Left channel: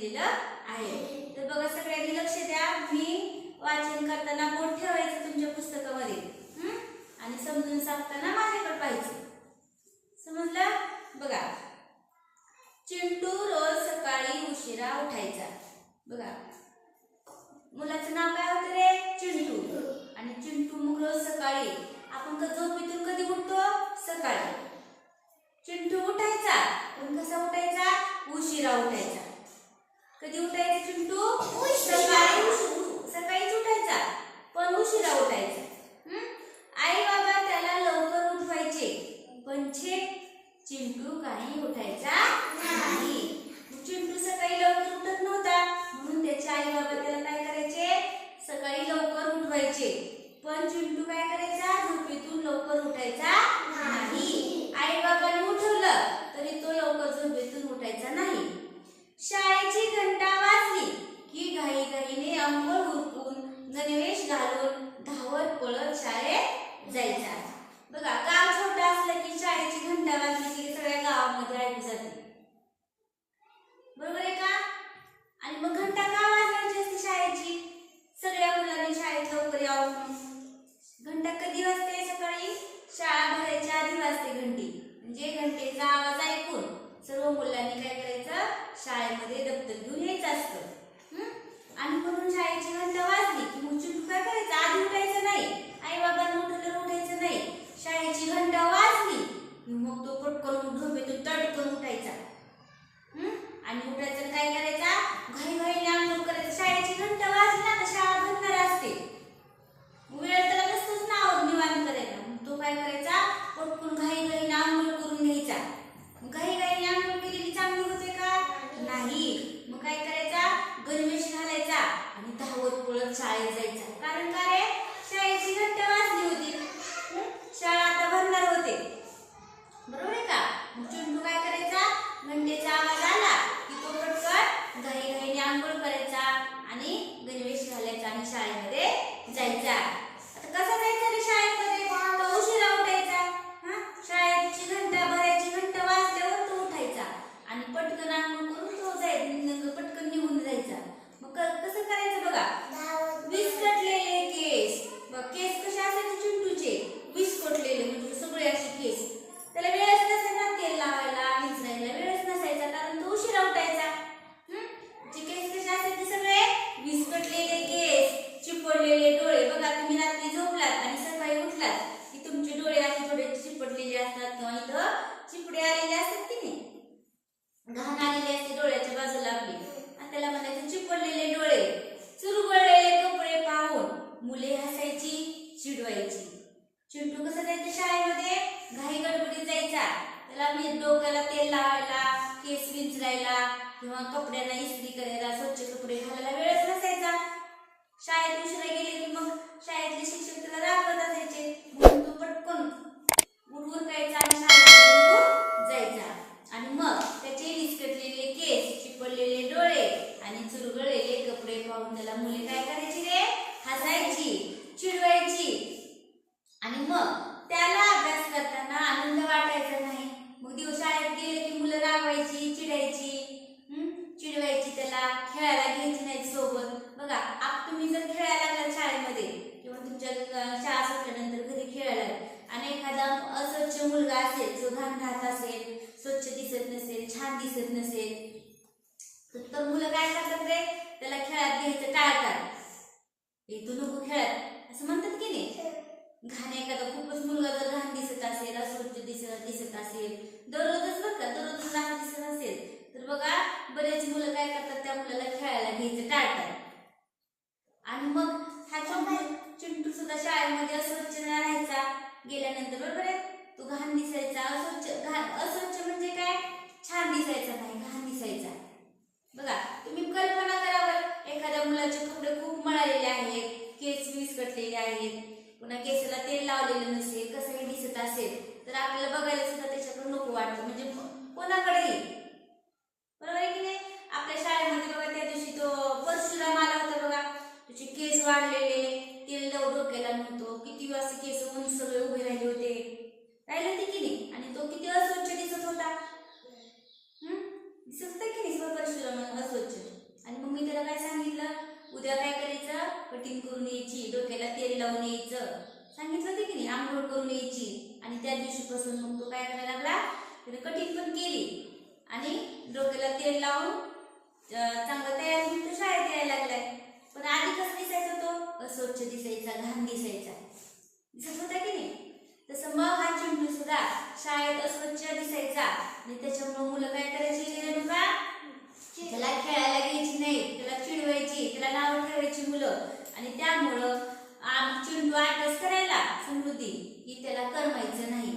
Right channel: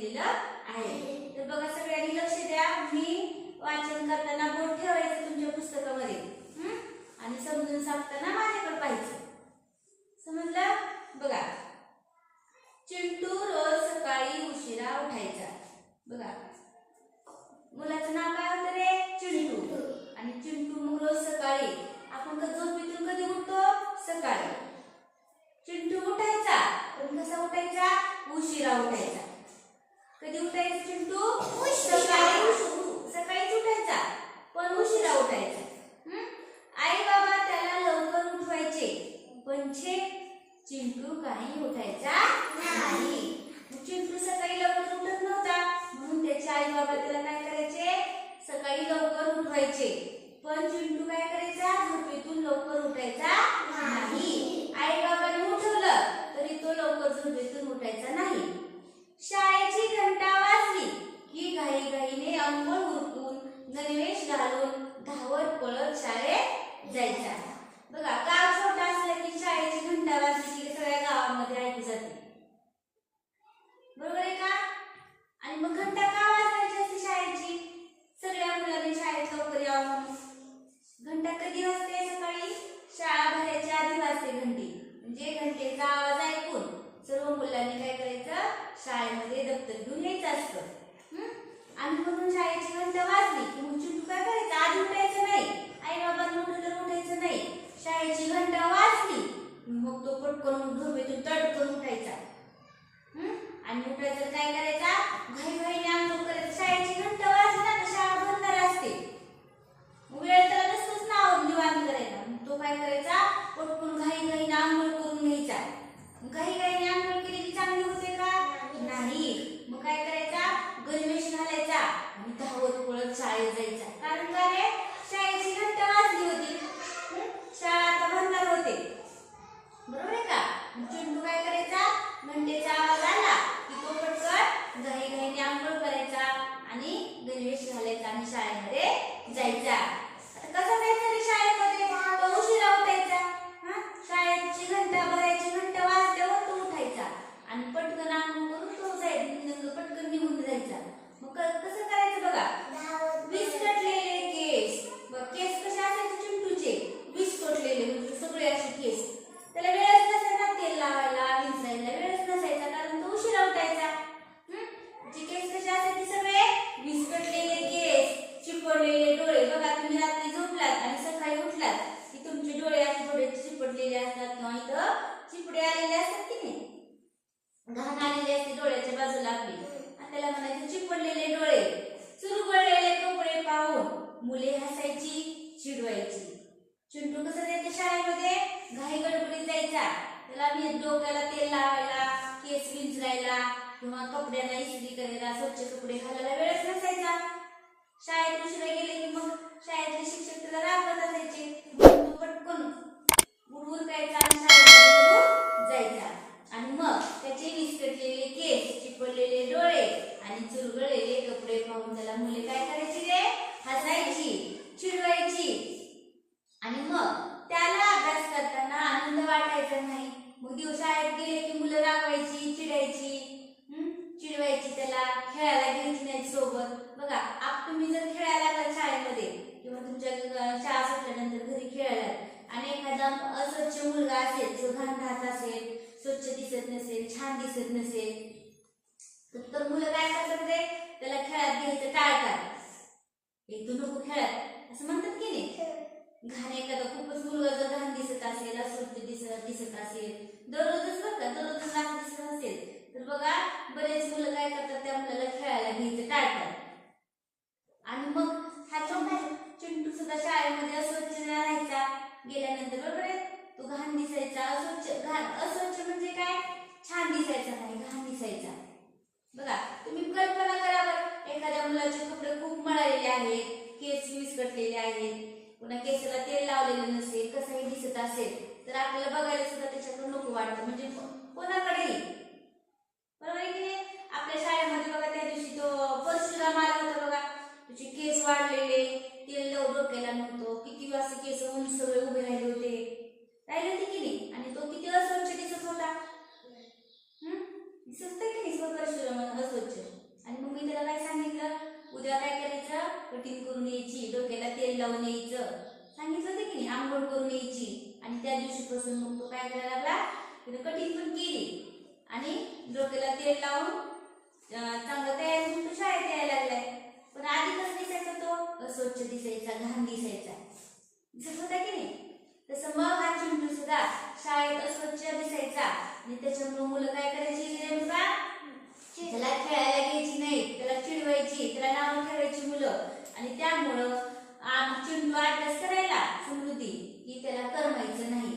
दिलेलं आहे. तर बघा सगळ्यांनी लक्ष द्या. मी वाचन करताना बोट ठेवायचं तुमच्या पुस्तकामध्ये. आणि समजून सांगताना माझ्याकडे पाहिजे समजलं? बघा. चिंटू रोज सकाळी उशिरा उठायचा. बघा. मुलाचं नाव काय होतं रे? चिंटू. आणि चिंटू मग रोज सकाळी. आपण क- झोपेतून कधी उठतो? सकाळी. चिंटू उठायचा. पण कसा उठायचा? उशिरा उठायचा. कधी उठायचं चिंटू? सकाळी सकाळीच उठायचा. पण उशिरा उठायचा. आई बाबा त्याला लवकर उठवायचे. पण छे चिंटू काही उठायचा नाही मग चिंटू सकाळी लवकर उठत नव्हता म्हणून त्याचे आई बाबा त्याला काय करायचे सकाळी लवकर उठवायचे पण चिंटू काय करायचा झोपेतून लवकर उठायचा नाही आई बाबांनी उठवलं तरी तो लवकर झोपेतून उठायचा नाही शाळेची घंटा वाजली की घाई घाईने अंघोळ उरकून गणवेश घालून धावत पळत शाळेत जायचा. बघा गाव छोटा असलं की शाळेत घंटा वाजली की सगळ्या गावामध्ये ऐकू जाते बरोबर आहे का आणि मग घंटा का वाजवायची असते शाळेची सगळ्या मुलांनी शाळेत लवकर यावं म्हणून घंटा कधी वाजते सकाळी शाळा भरायच्या आधी वाजते घंटी म्हणजे घंटेचा आवाज ऐकून सर्व मुलांनी काय करायचं शाळेमध्ये दप्तर घेऊन यायचं असतं हं? आणि म्हणून शाळेची घंटा वाजली की मग चिंटू काय करायचं आधी उठायचं नाही आई बाबांना उठलं उठायचं नाही शाळेची घंटा वाजली की मग तो पटकन झोपेतून तडकन उठायचा हं? आणि उठायचं तर काय करायचा घाई घाईने अंघोळ करायचं शाळेची घंटा वाजला तर शाळा भरणार असते वेळ तर नसतोच ना निवांत करायचा मग तो काय करायचा पटकन घाई घाईने आंघोळ करून घ्यायचा मग घाई घाईने आंघोळ केलेली चांगली होते का नाही मग काय करायचा गणवेश घालायचा आणि धावत पळत शाळेत जायचा कारण का रे शाळेची घंटा वाजली होती हं? शाळा आता भरणार होते बरोबर आहे का मग चिंटू काय करायचा घंटेचा आवाज आला की तो पटकन घाई घाईने आंघोळ करायचा आणि गणवेश घालायचा आणि शाळेमध्ये जायचा आता कसा जायचा रे शाळेमध्ये तो उशिरा उठायचा हा शाळेची घंटा भरायची घंटा वाजल्यावर तो उठायचा आणि पटकन आंघोळ करून तो जायचा पटकन निघून जायचा मग क- कसं करायचं बघा विस्कटलेले केस बघ केस कसे असायचे चिंटूचे विस्कटलेले म्हणजे सगळे असे केस त्याला वेळच नसायचा तेल लावायला विंचरायला वेळच नसायचा कारण तो उशिरा उठायचा हं? जे केस कसे असायचे सगळे विस्कटलेले केस चिपडलेले डोळे बघा तुम्ही रात्री झोपलात आणि सकाळी उठलात की तुमचे डोळे असे थोडे चिपडलेले असतात किंवा इथं चिपडे आलेले असतात की नाही? घाण आलेली असते डोळ्याच्या बाजूला आपली. आणि त्याला म्हणायचे चिपडलेले डोळे. चुरगळलेले कपडे पाहून मुले हसायची चिडवायची. चिंटू कसं जायचं शाळेमध्ये? घाई गडबडीत जायचा. त्याला मी डोक्याला तेल लावायला केस विंचरायला किंवा कपड्यांना इस्त्री करायला स्वच्छ कपडे घालायला वेळच नसायचा. शाळेत उशिरा गेले की मग शाळेतले शिक्षक त्याला रागवत असायचे. म्हणून तो पटकन उडवून जायचा आणि शाळेमध्ये जायचा. आणि मग त्याचे विस्कटलेले केस चिपडलेले डोळे आणि चुरगळलेले कपडे पाहून त्याला मुले काय करायची रे? हसायची चिडवायची. आणि मग त्याला अभ्यास करताना आनंद वाटायचा नाही. मग दिवसाळ्यात गेले की मुलं रागवायची चिडायची. चिडवायची त्याला. खेळायला घ्यायची नाही सोबत. बघा आप तुम्ही जर खेळायला लागला शाळेमध्ये किंवा तुमच्या शाळा सुटल्यानंतर घरी खेळायला आणि एखादा अस्वच्छ मुलगा असेल जो घाण घात असेल स्वच्छ दिसत नसेल छान दिसत नसेल. तर- तर मुलं काय करतात रे? त्याला खेळात घ्यायचं टाळतात हे तू नको खेळत. असं म्हणतात की नाही? घाण एखादा खूपच मुलगा जर घाण दिसत असेल अस्वच्छ दिसत दिसत असेल दररोजच बघ का दररोजच घाण दिसत असेल तर बघा बरेच मुलं काय करतात त्या मुलाला खेळायला घ्यायचं टाळतात आणि मग हा चिंटू चिंटू सुद्धा शाळेमध्ये अस्वच्छ राहायचा गेल्यानंतर बरोबर आहे? तो घाण दिसायचा अस्वच्छ घाण अस्वच्छ म्हणजे काय? छान दिसायचा नाही घाण दिसायचा. बघा तुम्ही कल्पना करा बरं एखाद्या मुलाचे कपडे खूप मळालेले आहेत केस विस्कटलेले आहेत पुन्हा केसाला तेल लावलेलं नसेल कसंही दिसत असेल तर आपल्याला बघायला सुद्धा त्याच्याकडे नको वाटतं म्हणजे कोणाकडेही. बरोबर आहे की नाही? आपल्या शाळेमध्ये बघा त्या दिवशी तो परशुराम आला होता बघा. तुझे केस वाढलेले तेल लव डोक्याला नव्हतं किती वाजता केस उंच सगळे उभे राहिले. तो किती अस्वच्छ दिसत होता? हम्म दिसत काय की निसर्ग परशुराम अस्वच्छ आणि मग मी त्याला काय सांगितलं? उद्या काय करायचं? कटिंग करून यायची डोक्याला तेल लावून यायचं. सांगितलं ते की नाही? आंघोळ करून यायची. आणि त्या दिवशी दिवशीपासून मग तो काय करायला लागला? त्याने कटिंग पण केली. आणि डोक्याला तेल लावून चांगलं तयार होऊन तो शाळेत यायला लागलाय. पण आधी कसं दिसायचं तो? शाळेत अस्वच्छ दिसायचा. आणि त्याच्यामुळे मुलं काय करायची गेले त्याला खेळायला घ्यायची नाही. त्याला चिडवायची. त्याला नाव ठेवायची मुलं. आणि त्यामुळं आम चिंटू अभ्यास करायला समृद्धी ही त्याला करमायचं नाही.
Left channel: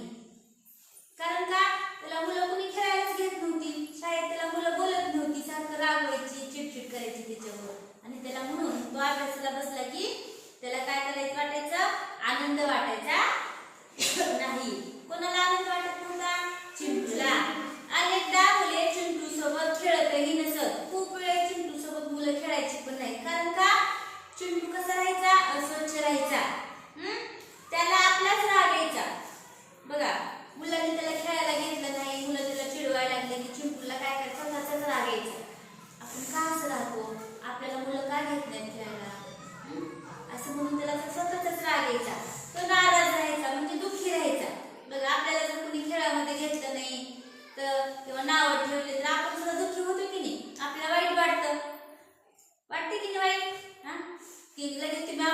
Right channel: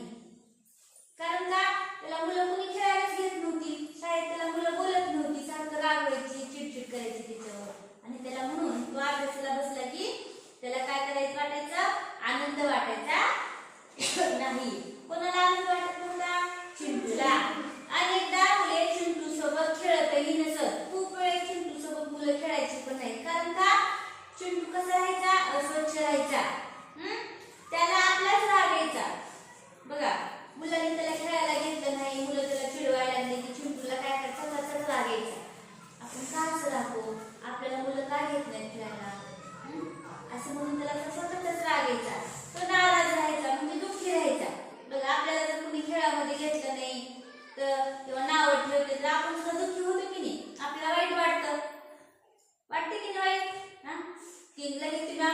कारण का? त्याला मुलं कोणी खेळायलाच घेत नव्हती. शाळेत त्याला मुलं बोलत नव्हती. सारखं रागवायची चिडचिड करायची त्याच्यावर आणि त्याला म्हणून तो अभ्यासाला बसला की त्याला काय करायचं वाटायचं? आनंद वाटायचा नाही. कोणाला आनंद वाटत नव्हता चिंटूला अनेकदा मुले चिंटू सोबत खेळतही नसत खूप वेळ चिंटू सोबत मुलं खेळायची पण नाही कारण का चिंटू कसा राहायचा. राहायचा त्याला आपलाच राग यायचा. बघा मुलांनी त्याला खेळायला घेतलं नाही मुलं त्याला चिडवायला लागले की चिंटूला काय करतात? स्वतःचाच राग यायचा. आपण का असं राहतो आपल्याला मुलं का घेत नाही खेळायला? असं म्हणून त्याला स्वतःचाच राग यायचा. तो नाराज राहायचा म्हणजे दुःखी राहायचा. बघा आपल्याला जर कोणी खेळामध्ये घेतलं नाही तर किंवा नावं ठेवले तर आपण सुद्धा दुःखी होतो की नाही? आपल्याला वाईट वाटतं. वाटते की नाही वाईट? हा? की लगेच तुम्ही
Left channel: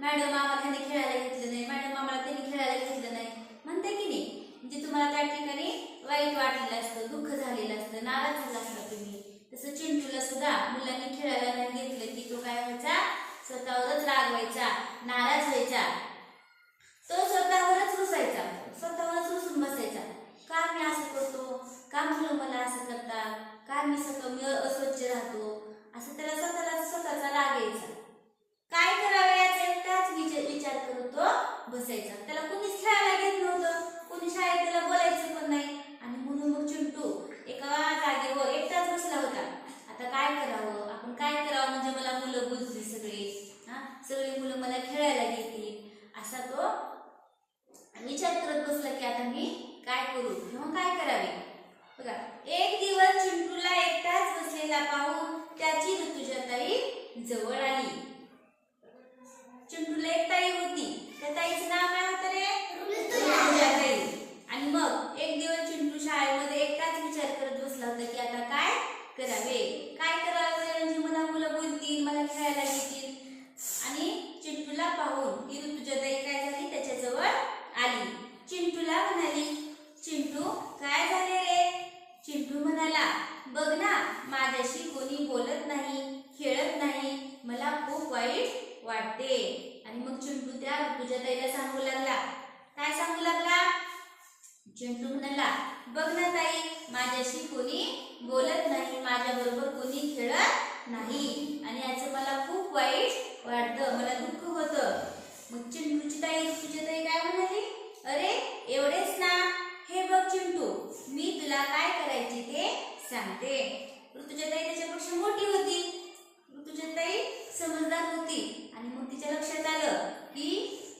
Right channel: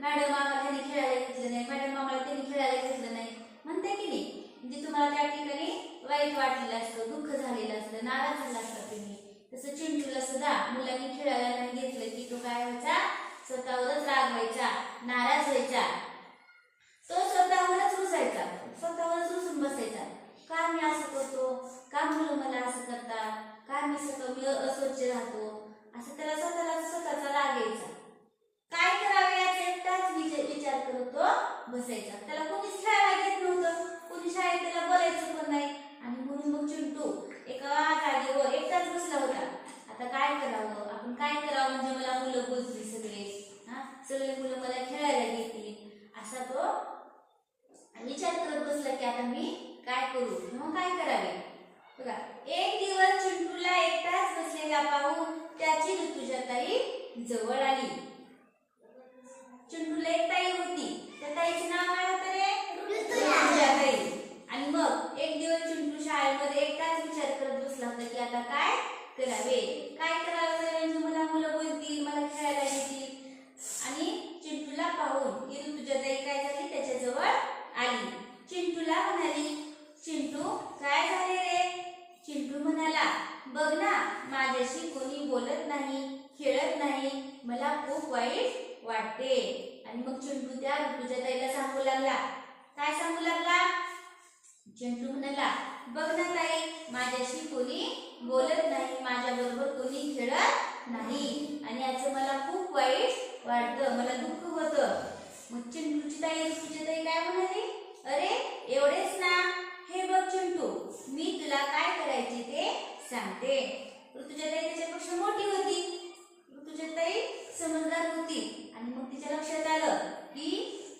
मॅडम आम्हाला त्यांनी खेळायला घेतलं नाही. मॅडम आम्हाला त्यांनी खेळायला घेतलं नाही. म्हणते की नाही म्हणजे तुम्हाला त्या ठिकाणी वाईट वाटलेलं असतं दुःख झालेलं असतं नाराज झाला असता तुम्ही. तसं चिंटूला सुद्धा मुलांनी खेळायला नाही घेतलं की तो काय व्हायचा? स्वतःवरच राग व्हायचा नाराज व्हायचा. तो स्वतःवरच रुसायचा स्वतःवरच रुसून बसायचा. का मी असं करतो? का मुलं मला असं करतात? का मी स्वतः मी अस्वच्छ राहतो? असं त्याला स्वतःला स्वतःचा राग यायचा. काय करावे याचा? एकटाच विचार विचार करत तो बसायचा. त्याला कोणीच खेळायला घेत नव्हतं. कोणी शाळेत त्याला बोलायचं पण नाही. आणि म्हणून मग चिंटू एका जागेवर एकटाच बसला होता. आता काय करावं? आपण काय करावं? म्हणजे मला मुलं बोलतील सगळे. हा? सगळी मुलं मला खेळायला घेतील. असा तो विचार करत बसला की आता मी काय करू? किंवा काय करावे? बघा एक दिवस चिंटूला एकटाच बसलेला पाहून त्याची ऋतुजाताई जवळ आली. चिंटूला एक ताई होती. त्या ताईचं नाव काय होतं रे? ऋतुजाताई. आणि मग एक दिवस चिंटू शाळेमध्ये एकटाच विचार करत बसला होता की आता काय करावे? काय करावे म्हणजे मला मुलं बोलतील मला खेळायला घेतील आणि चिंटूला पाहून ती ऋतुजाताई काय झाली? त्याच्याजवळ आली. चिंटूला म्हणाली चिंटू काय झाले रे? चिंटू म्हणाला बघ ना माझ्याशी कोणी बोलत नाही खेळत नाही. मला खूप वाईट वाटते. आणि मग चिंटू त्या ऋतुजाताईला सांगू लागला. काय सांगू लागला? चिंटू म्हणाला बघ ना ताई माझ्याशी कोणी बोलत नाही माझ्या बरोबर कोणी खेळत नाही. आणि याचं मला खूप वाईट वाटतं मला दुःख होतं. मग चिंटूची ताई ऋतुजा ताई काय म्हणाली? अरे एवढेच ना. हे बघ चिंटू मी तुला काय करायचे ते सांगते. ऋतुजा ताई त्याच्यापेक्षा मोठी होती. तुझ्या ताई समजदार होती. आणि मग तिच्या लक्षात आलं की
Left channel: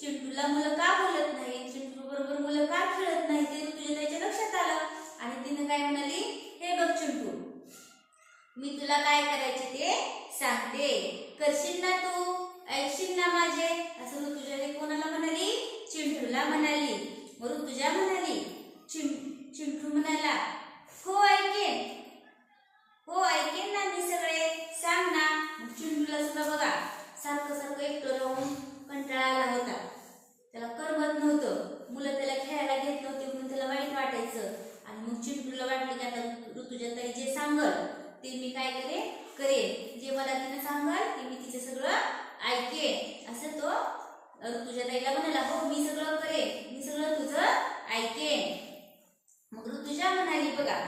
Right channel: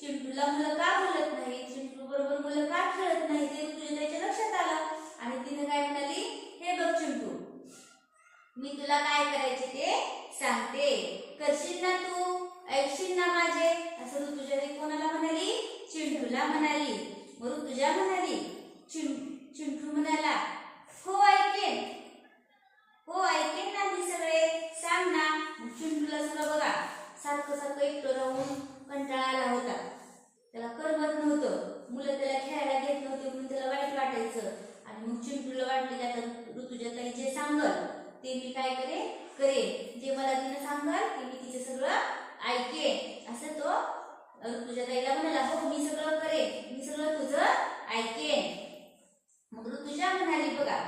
चिंटूला मुलं का बोलत नाही? चिंटू बरोबर मुलं का खेळत नाही? ते ऋतुजा ताईच्या लक्षात आलं. आणि तिने काय म्हणाली? हे बघ चिंटू मी तुला काय करायचे ते सांगते. करशील ना तू? ऐकशील ना माझे? असं ऋतुजाने कोणाला म्हणाली? चिंटूला म्हणाली. मग ऋतुजा म्हणाली? चिं चिंटू म्हणाला हो ऐकेन हो ऐकेन ना मी सगळे सांग ना मग चिंटूला सुद्धा बघा सारखं सारखं एकटं राहून कंटाळा आला होता. त्याला करमत नव्हतं. मुलं त्याला खेळायला घेत नव्हते म्हणून त्याला वाईट वाटायचं. आणि मग चिंटूला वाटलं की आता ऋतुजा ताई जे सांगल ते मी काय करे करेन. जे मला तिनं सांगल ते मी तिचं सगळं ऐकेन. असं तो ऋतुजा ताईला म्हणाला हो मी सगळं करेन. मी सगळं तुझं ऐकेन. मग ऋतुजा म्हणाली बघा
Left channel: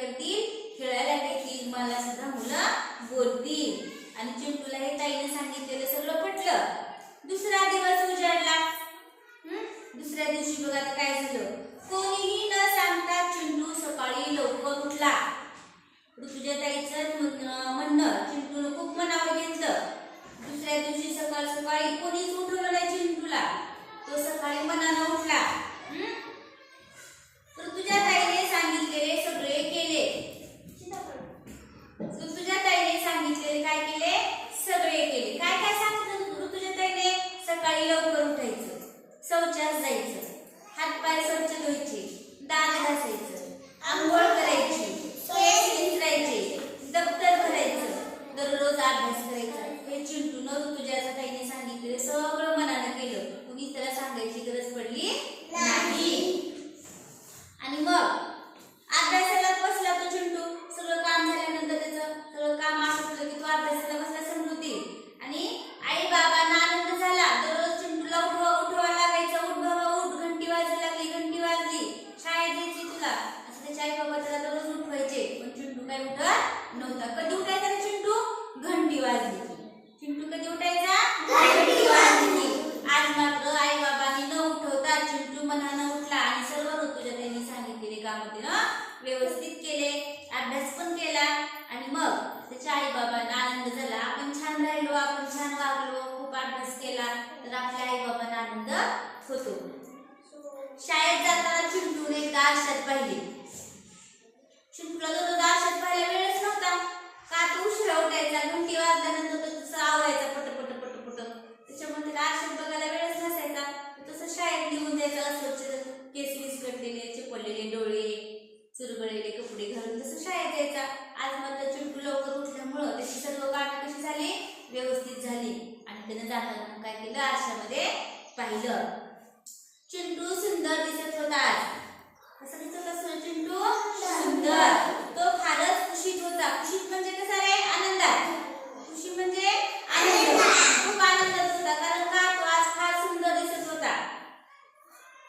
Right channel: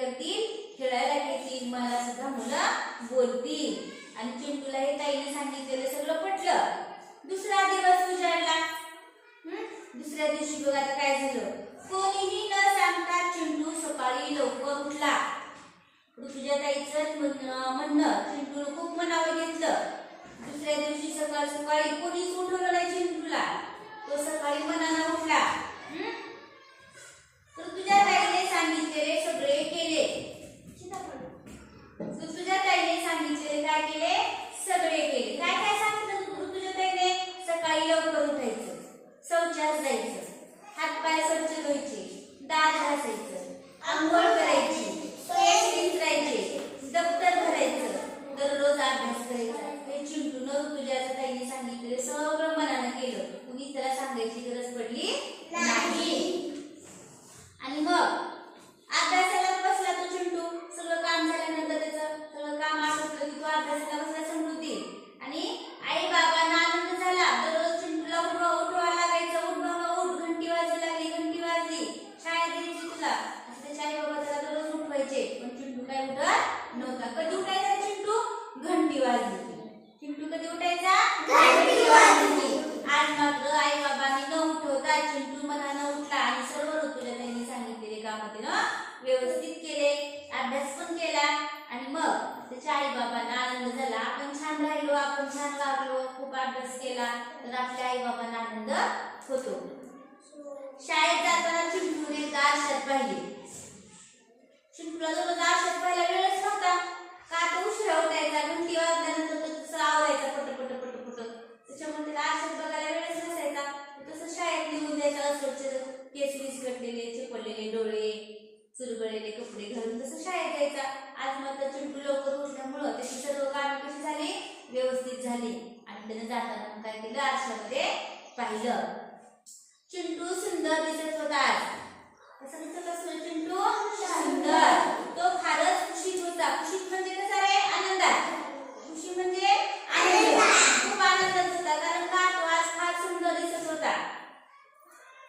करतील खेळायला घेतील मला सुद्धा मुलं बोलतील. आणि चिंटूला हे ताईने सांगितलेलं सगळं पटलं. दुसरा दिवस उजाडला. दुसऱ्या दिवशी बघा काय झालं. कोणीही न सांगता चिंटू सकाळी लवकर उठला. तुझ्या ताईचं म्हणणं चिंटून खूप मनावर घेतलं. दुसऱ्या दिवशी सकाळ सकाळी कोणीच उठवलं नाही चिंटूला. तो सकाळी मनानं उठला. ऋतुजा ताईने सांगितलेले सगळे केले. ऋतुजा ताईने सांगितलेले काय केले? सगळे केले. काय काय सांगितलं ऋतुजा ताईने सकाळी लवकर शौचास जायचं हातपाय स्वच्छ धुवायचे दात घासायचं आंघोळ ज्ञान वागलो खूप अभ्यास केला तर आपल्या आई बाबांना आनंद होतो. शाळेत जाताना चिंटून एकदा आरशात पाहिले चिंटूला तो आरशात पाहिला वेळच नव्हता. का तो उशिरा उठायचा घंटी वाजल्यानंतर तो तसं आवरायचा पटपट पटपट त्याच्यामुळे त्याला आरशात बघायला वेळच नसायचा. तसं शाळेत लिहून जायचा स्वच्छ केस विस्कटलेले चिपडलेले आपल्याला जाताना काय केलं? आरशामध्ये पाहिलं. चिंटू सुंदर दिसत होता कसं दिसत असतो चिंटू सुंदर. तो फारच खुशीत होता. खुशीत म्हणजे कसं रे? आनंदात. खुशी म्हणजे आनंद. खूप आनंदात होता. कारण का? तो आज फार सुंदर दिसत होता.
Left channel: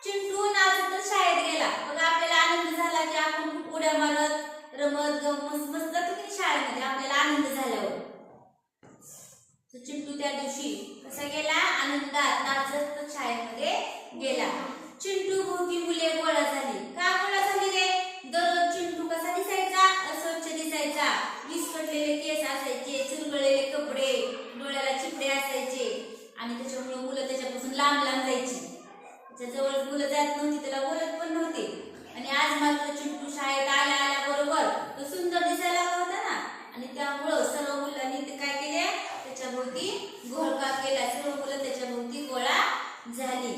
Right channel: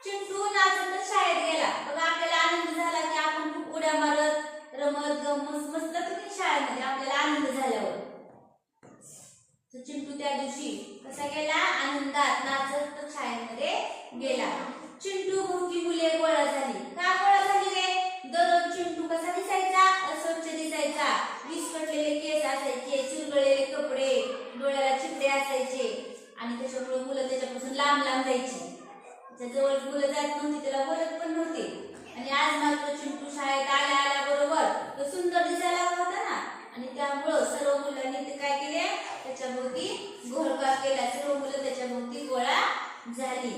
चिंटू नाचत शाळेत गेला. त्या दिवशी कसा गेला? आनंदात नाचत शाळेमध्ये गेला. चिंटू भोवती मुले गोळा झाली. का गोळा झाली रे? दररोज चिंटू कसा दिसायचा? अस्वच्छ दिसायचा. विस्कटलेले केस असायचे चुरगळलेले कपडे डोळ्याला चिपडे असायचे. आणि त्याच्यामुळे मुलं त्याच्यापासून लांब लांब जायची. त्याच्याजवळ मुलं जात नव्हती त्याला बोलत पण नव्हते. आणि आज मात्र चिंटू शाळेत आल्या आल्याबरोबर तो सुंदर दिसायला होता ना? आणि त्यामुळं त्याच्या भोवती घोळका केला सर्व मुलं त्याच्या भोवती गोळा झाली.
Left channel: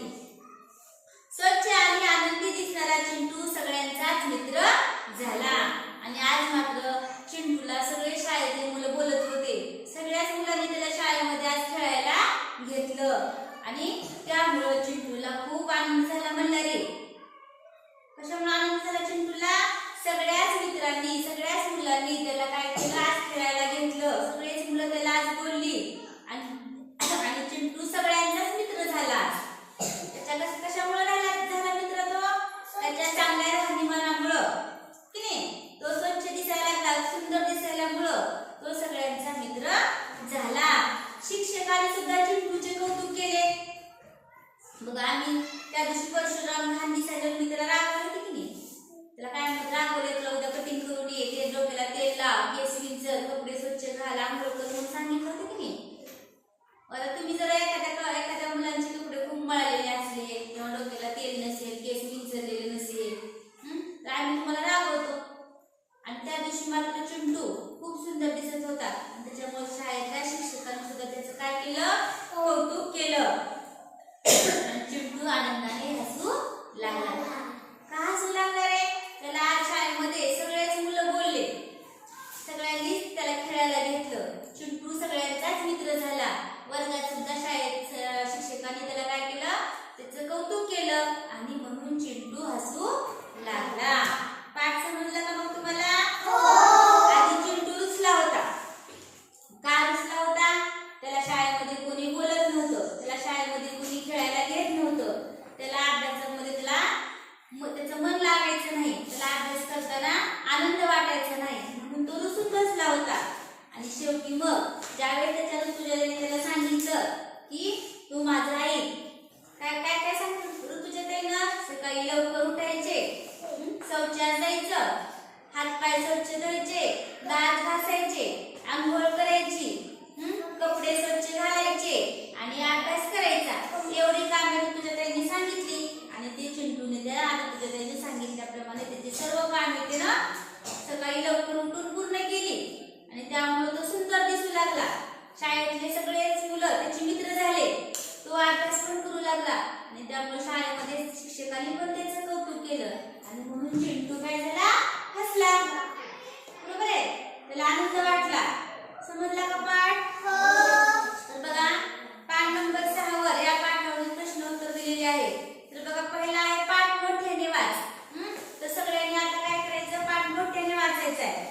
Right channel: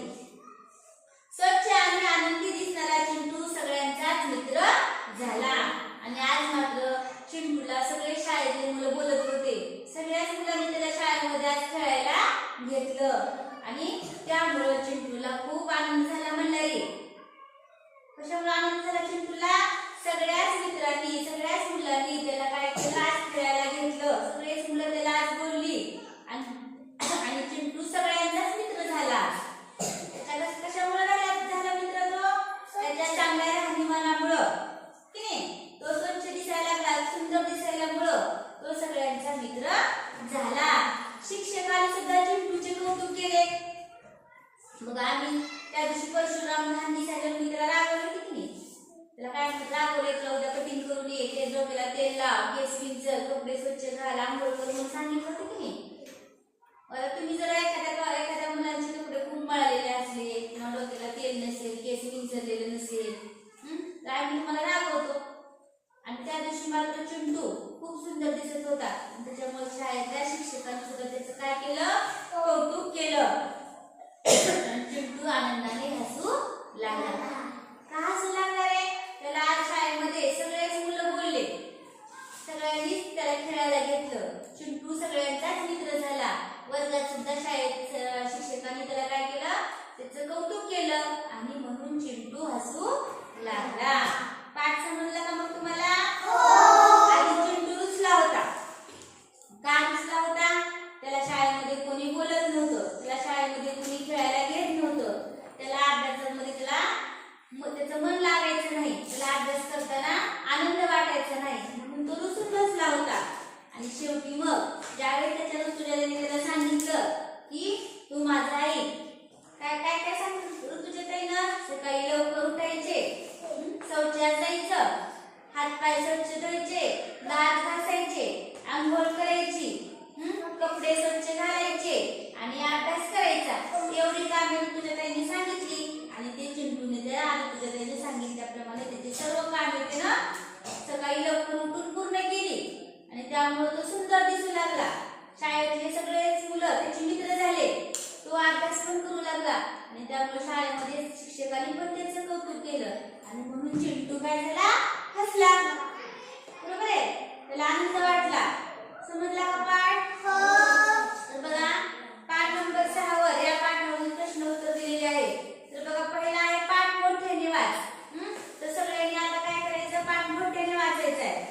स्वच्छ आणि आनंदी दिसणारा चिंटू सगळ्यांचाच मित्र झाला. आणि आज मात्र चिंटूला सगळे शाळेतले मुलं बोलत होते. सगळ्याच मुलांनी त्याला शाळेमध्ये आज खेळायला घेतलं. आणि त्यामुळं चिंटूला खूप आनंद झाला म्हणला रे कशामुळे आनंद झाला चिंटूला? सगळ्याच मित्रांनी सगळ्याच मुलांनी त्याला काय केलं? आज खेळायला घेतलं. सगळेच मुलं त्याला आज बोलली. आणि आणि चिंटू सगळ्यांचाच मित्र झाला. आम्ही ऋतुजाताईंनी सांगितली आणि ते चिंटूने त्या ऋतुजाताईने सांगितल्याप्रमाणे त्याचे सर्व कामे ना सकाळी लवकर उठून पूर्ण केली. आणि त्यामुळे तो सुंदर दिसू लागला. शाळेतले सगळेच मुलं त्याचे मित्र झाले. तो अभ्यास पण करू लागला. आणि त्यामुळे शाळेमध्ये शिक्षकांनी पण त्याचं कौतुक केलं. आणि म्हणून चिंटू काय झाला? हसला. बरोबर आहे? त्याला आनंद वाटला. समजला का पाठ? हो. तर बघा पाठ नंबर सहा वर या पाठावरून प्रश्न उत्तर दिलेले आहे. तर बघा पहिला आहे पाठ मोठ्याने वाच. तर सगळ्यांनी आता काय करायचं? पाठ मोठ्याने वाचायचं आहे.